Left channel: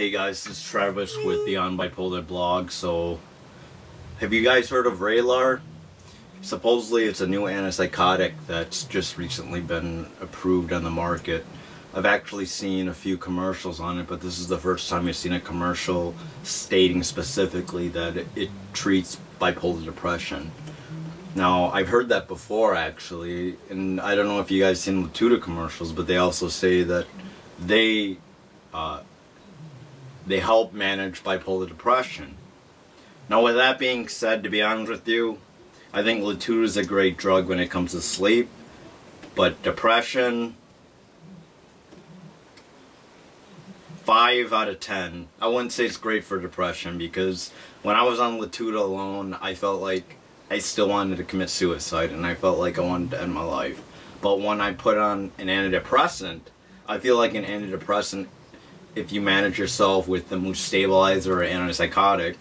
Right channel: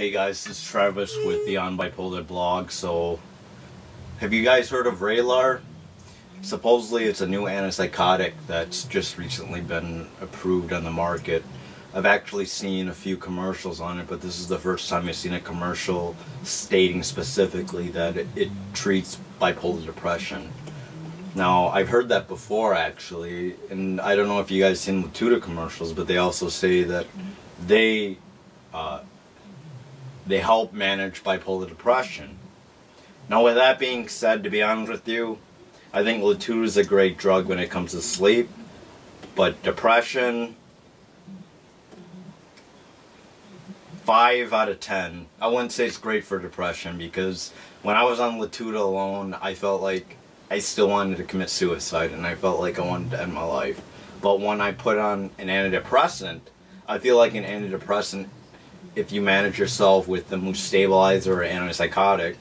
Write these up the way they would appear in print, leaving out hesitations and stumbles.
Hey guys, this is Travis with Beyond Bipolar blog. So, have you guys heard of Raylar? Supposedly it's a new antipsychotic that's just recently been approved on the market. I've actually seen a few commercials on it, but this is the first time I've seen a commercial stating specifically that it treats bipolar depression. Now, I've heard that before actually, and I don't know if you guys seen Lotito commercials, but they also say that they help manage bipolar depression. Now, with that being said, to be honest with you, I think Lotito is a great drug when it comes to sleep, but depression, 5 out of 10. I wouldn't say it's great for depression, because when I was on Lotito alone, I felt like I still wanted to commit suicide, and I felt like I wanted to end my life. But when I put on an antidepressant, I feel like an antidepressant, if you manage yourself with the mood stabilizer or antipsychotic,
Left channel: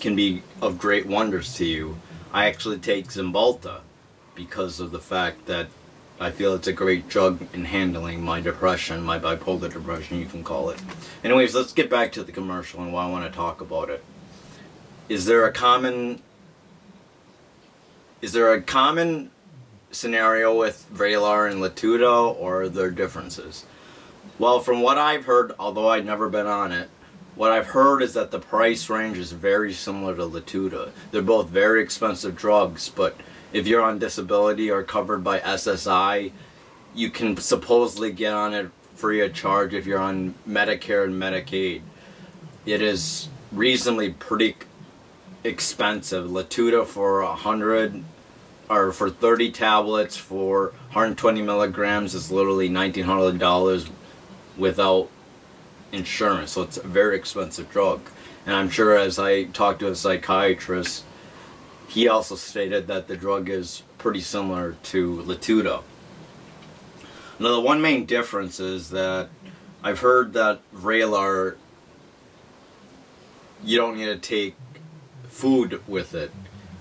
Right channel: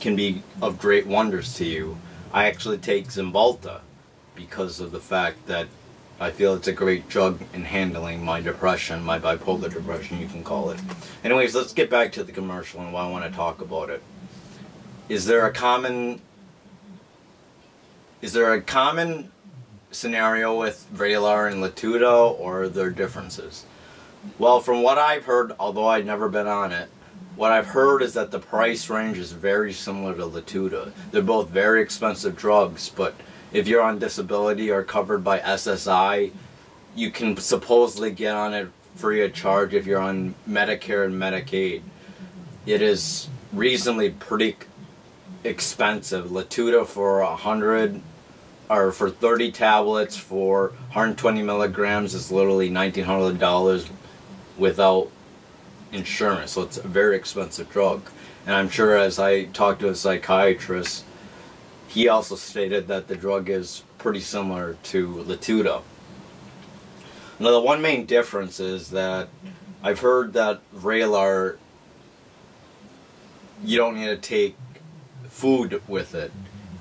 can be of great wonders to you. I actually take Cymbalta because of the fact that I feel it's a great drug in handling my depression, my bipolar depression, you can call it. Anyways, let's get back to the commercial and why I want to talk about it. Is there a common scenario with Vraylar and Lotito, or are there differences? Well, from what I've heard, although I've never been on it, what I've heard is that the price range is very similar to Lotito. They're both very expensive drugs, but if you're on disability or covered by SSI, you can supposedly get on it free of charge if you're on Medicare and Medicaid. It is reasonably pretty expensive. Lotito for 100 or for 30 tablets for 120 milligrams is literally $1,900 without insurance, so it's a very expensive drug. And I'm sure, as I talked to a psychiatrist, he also stated that the drug is pretty similar to Lotito. Now, the one main difference is that I've heard that Vraylar, you don't need to take food with it.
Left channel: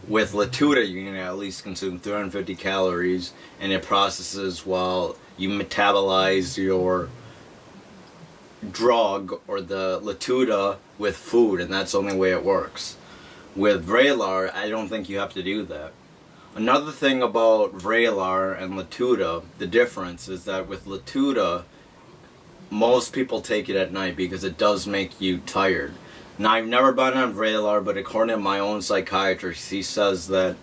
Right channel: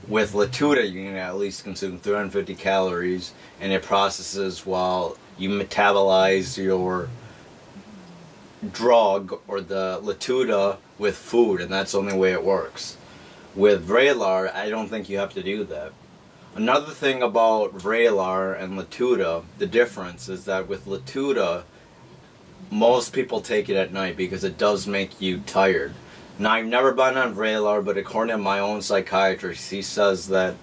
With Lotito, you can at least consume 350 calories, and it processes while you metabolize your drug or the Lotito with food, and that's the only way it works. With Vraylar, I don't think you have to do that. Another thing about Vraylar and Lotito, the difference is that with Lotito, most people take it at night because it does make you tired. Now, I've never been on Vraylar, but according to my own psychiatrist, he says that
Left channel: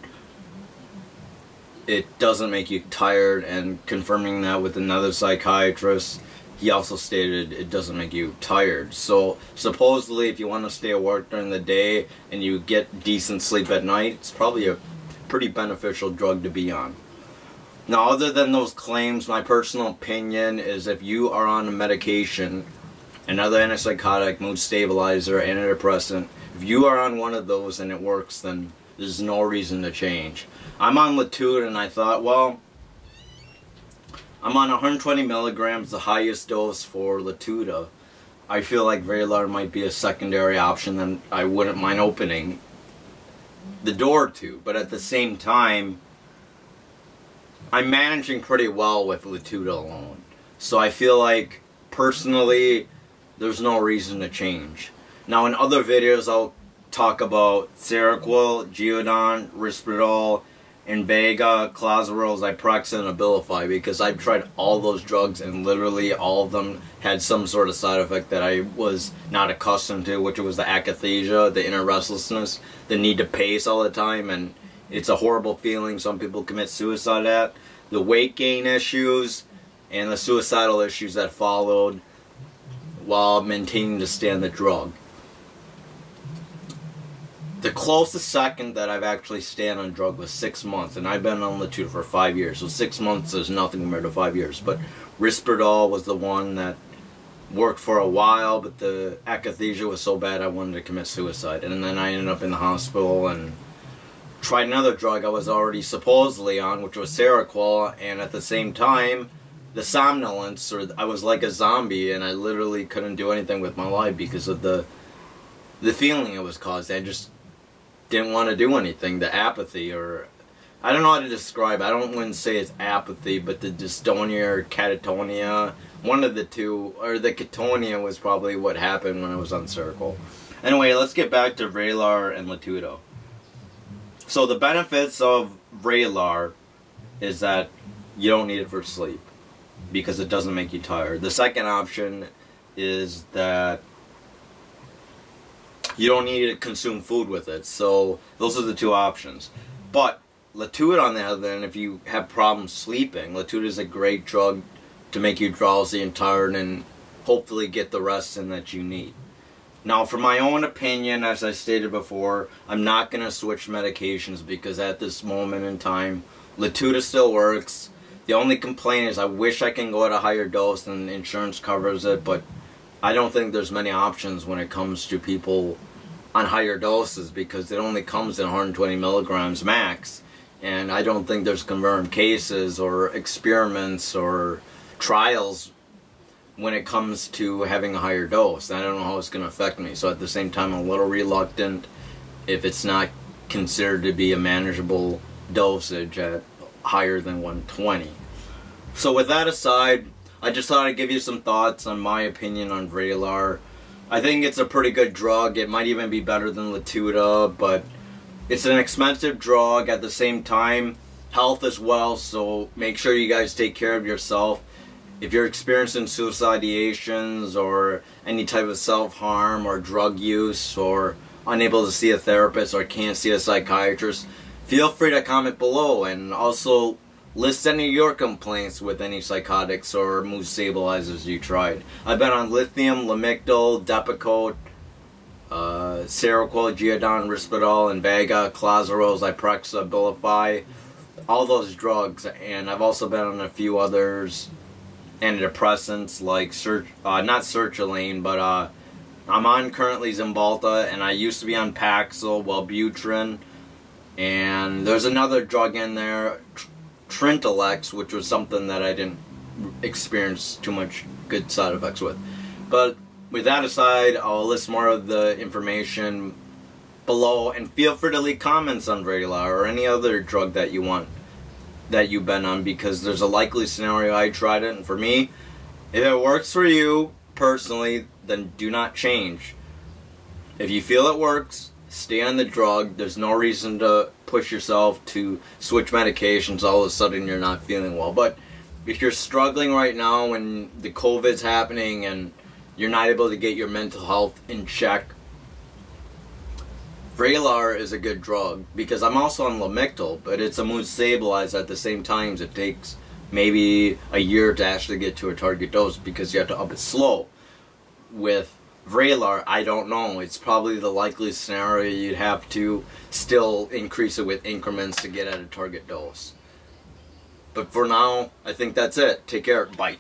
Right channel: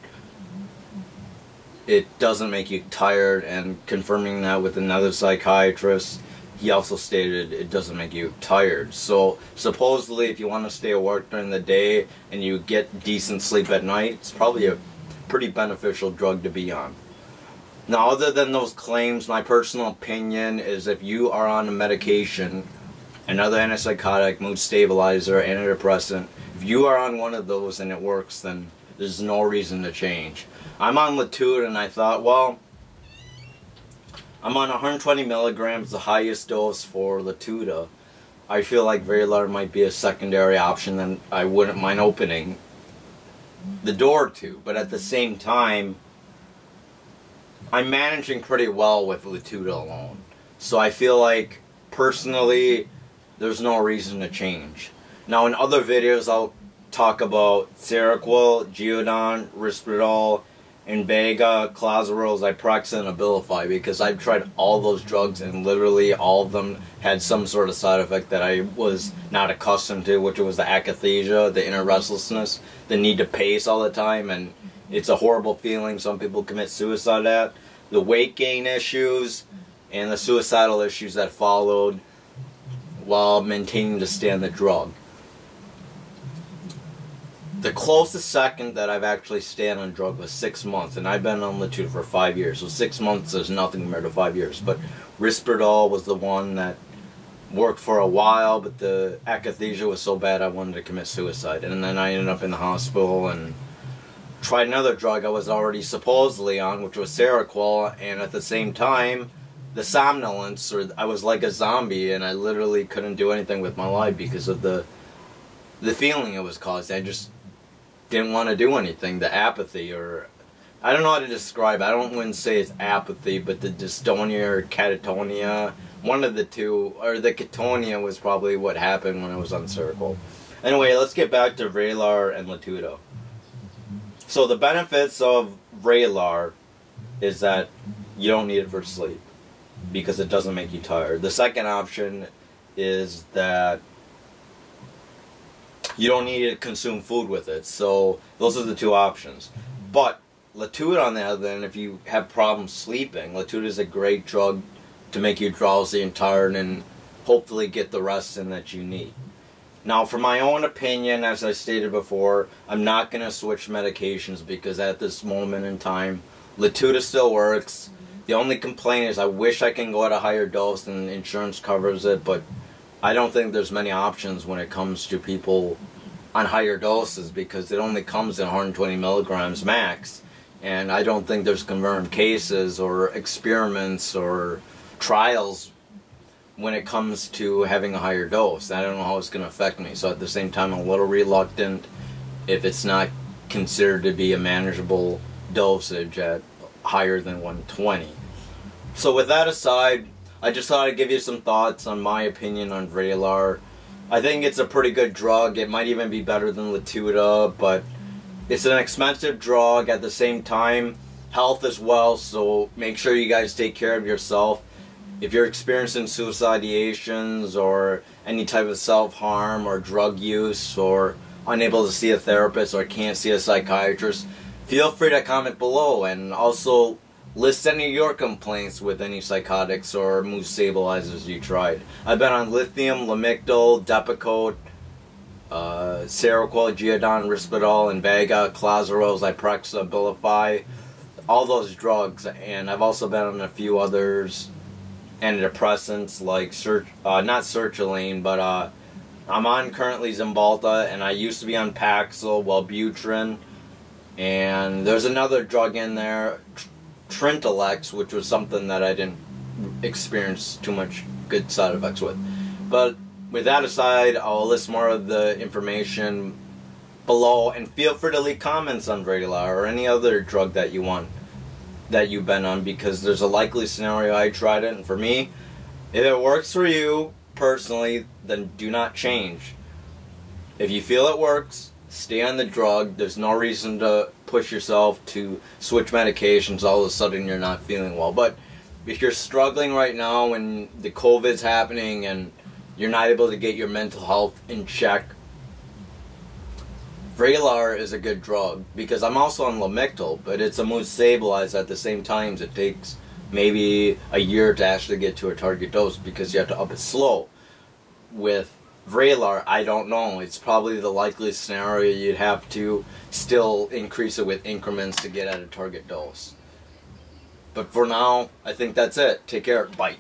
it doesn't make you tired, and confirming that with another psychiatrist, he also stated it doesn't make you tired. So supposedly, if you want to stay at work during the day and you get decent sleep at night, it's probably a pretty beneficial drug to be on. Now, other than those claims, my personal opinion is if you are on a medication, another antipsychotic, mood stabilizer, antidepressant, if you are on one of those and it works, then there's no reason to change. I'm on Lotito, and I thought, well, I'm on 120 milligrams, the highest dose for Lotito. I feel like Vraylar might be a secondary option that I wouldn't mind opening the door to. But at the same time, I'm managing pretty well with Lotito alone. So I feel like, personally, there's no reason to change. Now, in other videos, I'll talk about Seroquel, Geodon, Risperdal, Invega, Clozaril, Zyprexa, and Abilify, because I've tried all those drugs and literally all of them had some sort of side effect that I was not accustomed to, which was the akathisia, the inner restlessness, the need to pace all the time, and it's a horrible feeling. Some people commit suicide at. The weight gain issues and the suicidal issues that followed while maintaining to stay on the drug. The closest second that I've actually stayed on drug was 6 months, and I've been on Lotito for 5 years, so 6 months is nothing compared to 5 years. But Risperdal was the one that worked for a while, but the akathisia was so bad I wanted to commit suicide. And then I ended up in the hospital and tried another drug I was already supposedly on, which was Seroquel, and at the same time, the somnolence, or I was like a zombie, and I literally couldn't do anything with my life because of the feeling it was causing. I just didn't want to do anything, the apathy, or I don't know how to describe it. I wouldn't say it's apathy, but the dystonia or catatonia, one of the two, or the Ketonia was probably what happened when I was on Circle. Anyway, let's get back to Vraylar and Lotito. So the benefits of Raylar is that you don't need it for sleep because it doesn't make you tired. The second option is that you don't need to consume food with it. So those are the two options. But Lotito, on the other hand, if you have problems sleeping, Lotito is a great drug to make you drowsy and tired and hopefully get the rest in that you need. Now, for my own opinion, as I stated before, I'm not going to switch medications because at this moment in time, Lotito still works. The only complaint is I wish I can go at a higher dose and insurance covers it, but I don't think there's many options when it comes to people on higher doses because it only comes in 120 milligrams max. And I don't think there's confirmed cases or experiments or trials when it comes to having a higher dose. I don't know how it's going to affect me. So at the same time, I'm a little reluctant if it's not considered to be a manageable dosage at higher than 120. So with that aside, I just thought I'd give you some thoughts on my opinion on Vraylar. I think it's a pretty good drug. It might even be better than Lotito, but it's an expensive drug. At the same time, health as well, so make sure you guys take care of yourself. If you're experiencing suicide ideations or any type of self-harm or drug use or unable to see a therapist or can't see a psychiatrist, feel free to comment below and also list any of your complaints with any psychotics or mood stabilizers you tried. I've been on Lithium, Lamictal, Depakote, Seroquel, Geodon, Risperdal, Invega, Clozaril, Zyprexa, Abilify, all those drugs. And I've also been on a few others, antidepressants like not sertraline, but I'm on currently Zymbalta, and I used to be on Paxil, Wellbutrin, and there's another drug in there, Trintalex, which was something that I didn't experience too much good side effects with. But with that aside, I'll list more of the information below, and feel free to leave comments on Vraylar or any other drug that you want, that you've been on, because there's a likely scenario I tried it, and for me, if it works for you personally, then do not change. If you feel it works, stay on the drug. There's no reason to push yourself to switch medications all of a sudden you're not feeling well. But if you're struggling right now when the COVID's happening and you're not able to get your mental health in check, Vraylar is a good drug, because I'm also on Lamictal, but it's a mood stabilizer at the same time. It takes maybe a year to actually get to a target dose because you have to up it slow. With Vraylar, I don't know. It's probably the likely scenario you'd have to still increase it with increments to get at a target dose. But for now, I think that's it. Take care. Bye.